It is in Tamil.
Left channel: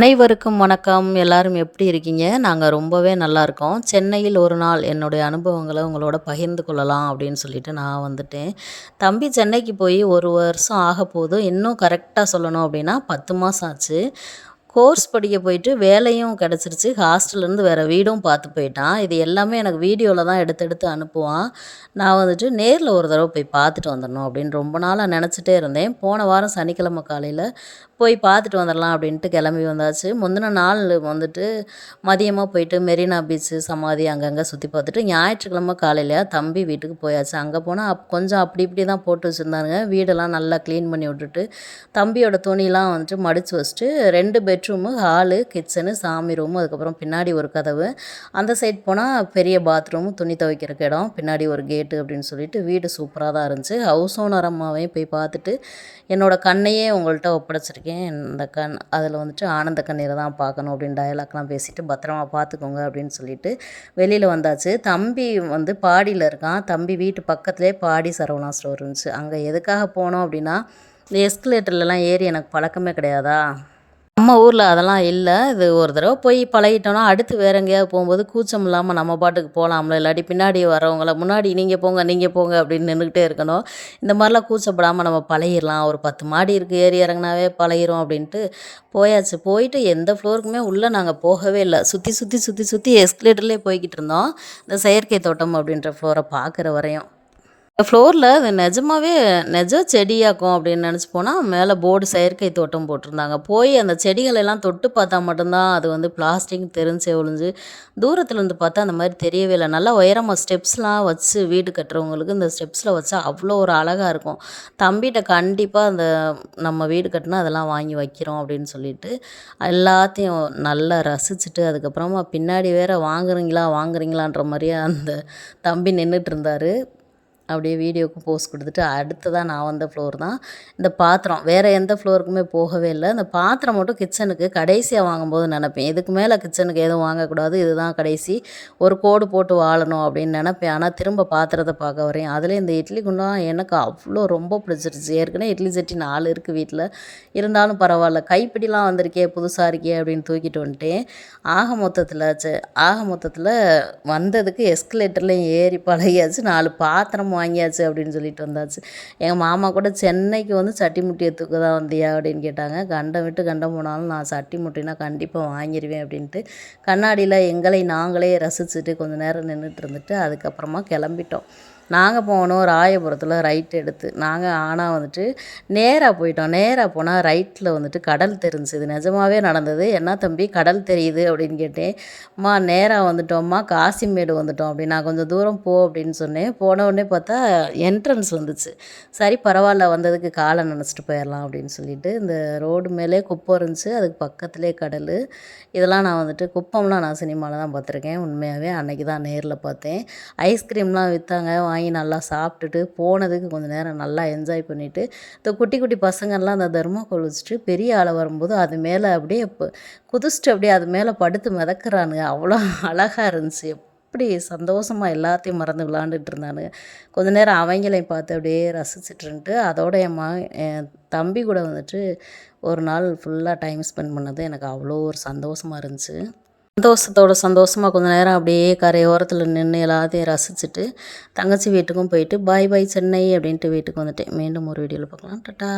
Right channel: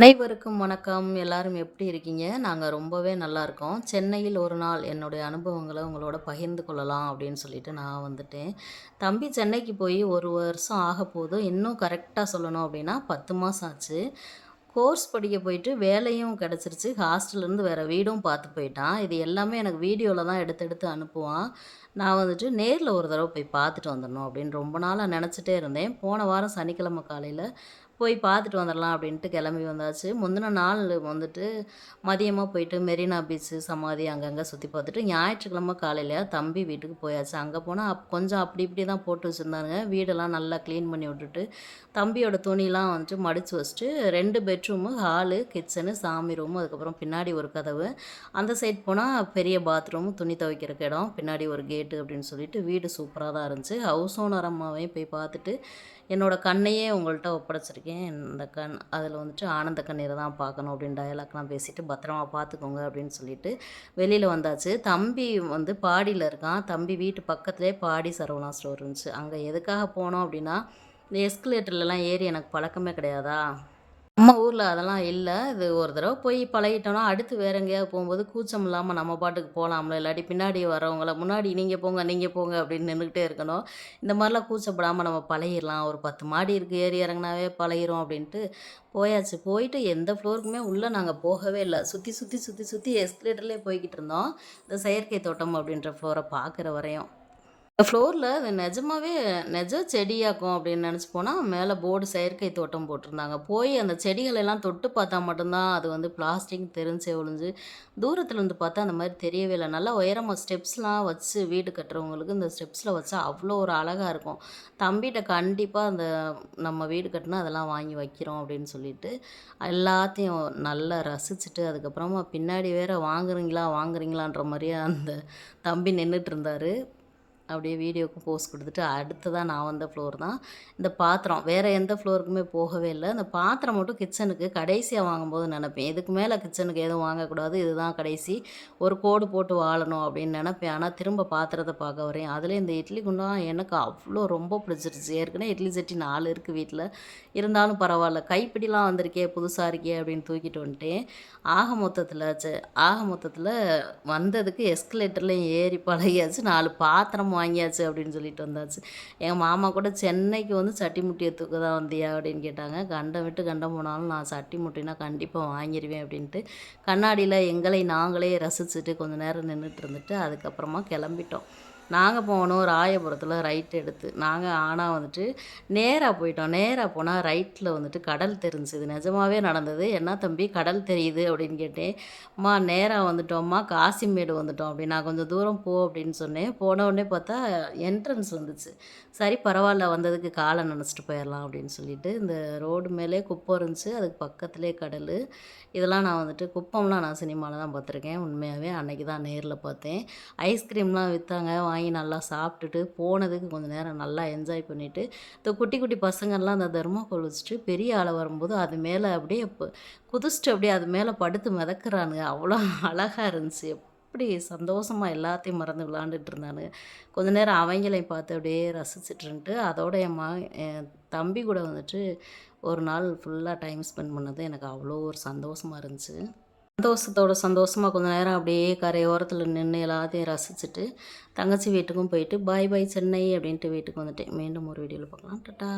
அனைவருக்கும் வணக்கம். எல்லாரும் எப்படி இருக்கீங்க? நாங்க ரொம்பவே நல்லாயிருக்கோம். சென்னையில் ஒரு நாள் என்னுடைய அனுபவங்கள உங்களோட பகிர்ந்து கொள்ளலாம் அப்படின்னு சொல்லிட்டு நான் வந்துட்டேன். தம்பி சென்னைக்கு போய் 1 வருஷம் ஆகப்போது. இன்னும் கரெக்ட்டா சொல்லணும் அப்படின்னா 10 மாசம் ஆச்சு. கோர்ஸ் படிக்க போயிட்டு வேலையும் கிடச்சிருச்சு. ஹாஸ்டல்லேருந்து வேறு வீடும் பார்த்து போயிட்டான். இது எல்லாமே எனக்கு வீடியோவில் தான் எடுத்து எடுத்து அனுப்புவான். நான் வந்துட்டு நேரில் ஒரு தடவை போய் பார்த்துட்டு வந்துடணும் அப்படின்னு ரொம்ப நாளாக நினச்சிட்டே இருந்தேன். போன வாரம் சனிக்கிழமை காலையில் போய் பார்த்துட்டு வந்துடலாம் அப்படின்ட்டு கிளம்பி வந்தாச்சு. முந்தின நாள் வந்துட்டு மதியமாக போயிட்டு மெரினா பீச்சு, சமாதி அங்கங்கே சுற்றி பார்த்துட்டு ஞாயிற்றுக்கிழமை காலையில தம்பி வீட்டுக்கு போயாச்சு. அங்கே போனால் கொஞ்சம் அப்படி இப்படி தான் போட்டு வச்சுருந்தாங்க. வீடெல்லாம் நல்லா க்ளீன் பண்ணி விட்டுட்டு தம்பியோட துணிலாம் வந்துட்டு மடித்து வச்சுட்டு 2 பெட்ரூமு, ஹாலு, கிச்சனு, சாமி ரூமு, அதுக்கப்புறம் பின்னாடி ஒரு கதவு, அந்த சைட் போனால் பெரிய பாத்ரூமு, துணி துவைக்கிறக்கு இடம், பின்னாடி ஒரு கேட்டு அப்படின்னு சொல்லிட்டு வீடு சூப்பராக தான் இருந்துச்சு. ஹவுஸ் ஓனர் அம்மாவையும் போய் பார்த்துட்டு என்னோடய கண்ணையே உங்கள்கிட்ட ஒப்படைச்சிருக்கேன். இந்த கண் அதில் வந்துட்டு ஆனந்த கண்ணீரை தான் பார்க்கணும் அப்படின்னு டயலாக்லாம் பேசிவிட்டு பத்திரமா பார்த்துக்கோங்க அப்படின்னு சொல்லிட்டு வெளியில் வந்தாச்சு. தம்பி வந்து பாடியில் இருக்கான். தம்பி வீட்டு பக்கத்துலேயே பாடி சரவணா ஸ்டோர் இருந்துச்சு. அங்கே எதுக்காக போனோம் அப்படின்னா, இந்த எஸ்கலேட்டர்லலாம் ஏறி எனக்கு பழக்கமே கிடையாதா. நம்ம ஊரில் அதெல்லாம் இல்லை. இது ஒரு தடவை போய் பழகிட்டோம்னா அடுத்து வேறு எங்கேயாவது போகும்போது கூச்சம் இல்லாமல் நம்ம பாட்டுக்கு போகலாம்ல. இல்லாட்டி பின்னாடி வரவங்கள முன்னாடி நீங்கள் போங்க அப்படின்னு நின்றுக்கிட்டே இருக்கணும். இந்த மாதிரிலாம் கூச்சப்படாமல் நம்ம பழகிடலாம். ஒரு 10 மாடி இருக்குது, ஏறி இறங்குனாவே பழகிரும் அப்படின்ட்டு போயாச்சு. போயிட்டு எந்த ஃப்ளோருக்குமே உள்ளே நாங்கள் போகவே இல்லை. சுற்றி சுற்றி சுற்றி சுற்றி எஸ்கலேட்டர்லேயே போய்கிட்டு இருந்தோம். இந்த செயற்கை தோட்டம் அப்படின்ற ஃப்ளோரை பார்க்குற வரையும். ஃப்ளோரில் அது நிஜமாவே நிஜ செடியாக்கும் அப்படின்னு நினச்சி போனால் மேலே போர்டு செயற்கை தோட்டம் போட்டிருந்தாங்க. போய் அந்த செடிகளெல்லாம் தொட்டு பார்த்தா மட்டும்தான் அது வந்து பிளாஸ்டிக் தெரிஞ்சே ஒழிஞ்சு, தூரத்துலேருந்து பார்த்தா அந்த மாதிரி தெரியவே இல்லை. நல்லா உயரமாக ஸ்டெப்ஸ்லாம் வச்சு வீடு கட்டுறவங்களுக்கு இந்த ஸ்டெப்ஸில் வச்சா அவ்வளோ ஒரு அழகாக இருக்கும். தம்பிகிட்ட கண்டிப்பாக அந்த நம்ம வீடு கட்டினா அதெல்லாம் வாங்கி வைக்கிறோம் அப்படின்னு சொல்லிட்டு எல்லாத்தையும் நல்லா ரசிச்சுட்டு, அதுக்கப்புறமா பின்னாடி வேற வாங்குறீங்களான்ற மாதிரியே அந்த தம்பி நின்றுட்டு இருந்தார். அப்படியே வீடியோவுக்கு போஸ் கொடுத்துட்டு அடுத்ததாக நான் வந்த ஃப்ளோர் தான் இந்த பாத்திரம். வேறு எந்த ஃப்ளோருக்குமே போகவே இல்லை. இந்த பாத்திரம் மட்டும் கிச்சனுக்கு கடைசியாக வாங்கும்போது நினப்பேன், இதுக்கு மேலே கிச்சனுக்கு எதுவும் வாங்கக்கூடாது, இதுதான் கடைசி, ஒரு கோடு போட்டு வாழணும் அப்படின்னு நினப்பேன். ஆனால் திரும்ப பாத்திரத்தை பார்க்க வரேன். அதில் இந்த இட்லி குண்டான் எனக்கு அவ்வளோ ரொம்ப பிடிச்சிருச்சு. ஏற்கனவே இட்லி சட்டி 4 இருக்குது வீட்டில். இருந்தாலும் பரவாயில்ல, கைப்பிடிலாம் வந்திருக்கே புதுசாக இருக்கே அப்படின்னு தூக்கிட்டு வந்துட்டேன். ஆக மொத்தத்தில் வந்ததுக்கு எஸ்கலேட்டர்லேயும் ஏறி பழகியாச்சு. 4 பாத்திரம் வாங்கியாச்சு அப்படின்னு சொல்லிட்டு வந்தாச்சு. எங்கள் மாமா கூட சென்னைக்கு வந்து சட்டி முட்டியை தூக்க தான் வந்தியா அப்படின்னு கேட்டாங்க. கண்டம் விட்டு கண்டம் போனாலும் நான் சட்டி முட்டினா கண்டிப்பாக வாங்கிடுவேன் அப்படின்ட்டு கண்ணாடியில் எங்களை நாங்களே ரசிச்சுட்டு கொஞ்சம் நேரம் நின்றுட்டு இருந்துட்டு அதுக்கப்புறமா கிளம்பிட்டோம். நாங்கள் போனோம் ராயபுரத்தில் ரைட் எடுத்து. நாங்கள் ஆனால் வந்துட்டு நேராக போயிட்டோம். நேராக போனால் ரைட்டில் வந்துட்டு கடல் தெரிஞ்சுது. நிஜமாகவே நடந்தது. என்ன தம்பி கடல் தெரியுது அப்படின்னு கேட்டேன். அம்மா நேராக வந்துட்டோம்மா, காசிமேடு வந்துட்டோம் அப்படின்னு. நான் கொஞ்சம் தூரம் போ அப்படின்னு சொன்னேன். போன உடனே பார்த்தா என்ட்ரன்ஸ் வந்துச்சு. சரி பரவாயில்ல, வந்ததுக்கு காலை நினச்சிட்டு போயிடலாம் அப்படின்னு சொல்லிட்டு இந்த ரோடு மேலே குப்பம் இருந்துச்சு, அதுக்கு பக்கத்துலேயே கடல். இதெல்லாம் நான் வந்துட்டு குப்பம்லாம் நான் சினிமாவில் தான் பார்த்துருக்கேன். உண்மையாகவே அன்றைக்கி தான் நேரில் பார்த்தேன். ஐஸ்கிரீம்லாம் விற்றாங்க. வாங்கி நல்லா சாப்பிட்டுட்டு போனதுக்கு கொஞ்சம் நேரம் நல்லா என்ஜாய் பண்ணிவிட்டு இந்த குட்டி குட்டி பசங்கள்லாம் அந்த தெர்மாக்கோல் வச்சுட்டு பெரிய ஆளை வரும்போது அது மேலே அப்படியே குதிச்சுட்டு அப்படியே அது மேலே படுத்து மிதக்குறானுங்க. அவ்வளோ அழகாக இருந்துச்சு. எப்படி சந்தோஷமாக எல்லாத்தையும் மறந்து விளாண்டுட்டு இருந்தானுங்க. கொஞ்ச நேரம் அவங்களையும் பார்த்து அப்படியே ரசிச்சுட்டு இருந்துட்டு அதோட என் தம்பி கூட வந்துட்டு ஒரு நாள் ஃபுல்லாக டைம் ஸ்பெண்ட் பண்ணது எனக்கு அவ்வளோ ஒரு சந்தோஷமாக இருந்துச்சு. சந்தோஷமாக கொஞ்சம் நேரம் அப்படியே கரையோரத்தில் நின்று எல்லாத்தையும் ரசிச்சுட்டு தங்கச்சி வீட்டுக்கும் போயிட்டு பாய் பாய் சென்னை அப்படின்ட்டு வீட்டுக்கு வந்துட்டேன். மீண்டும் ஒரு வீடியோவில் பார்க்கலாம். டாட்டா.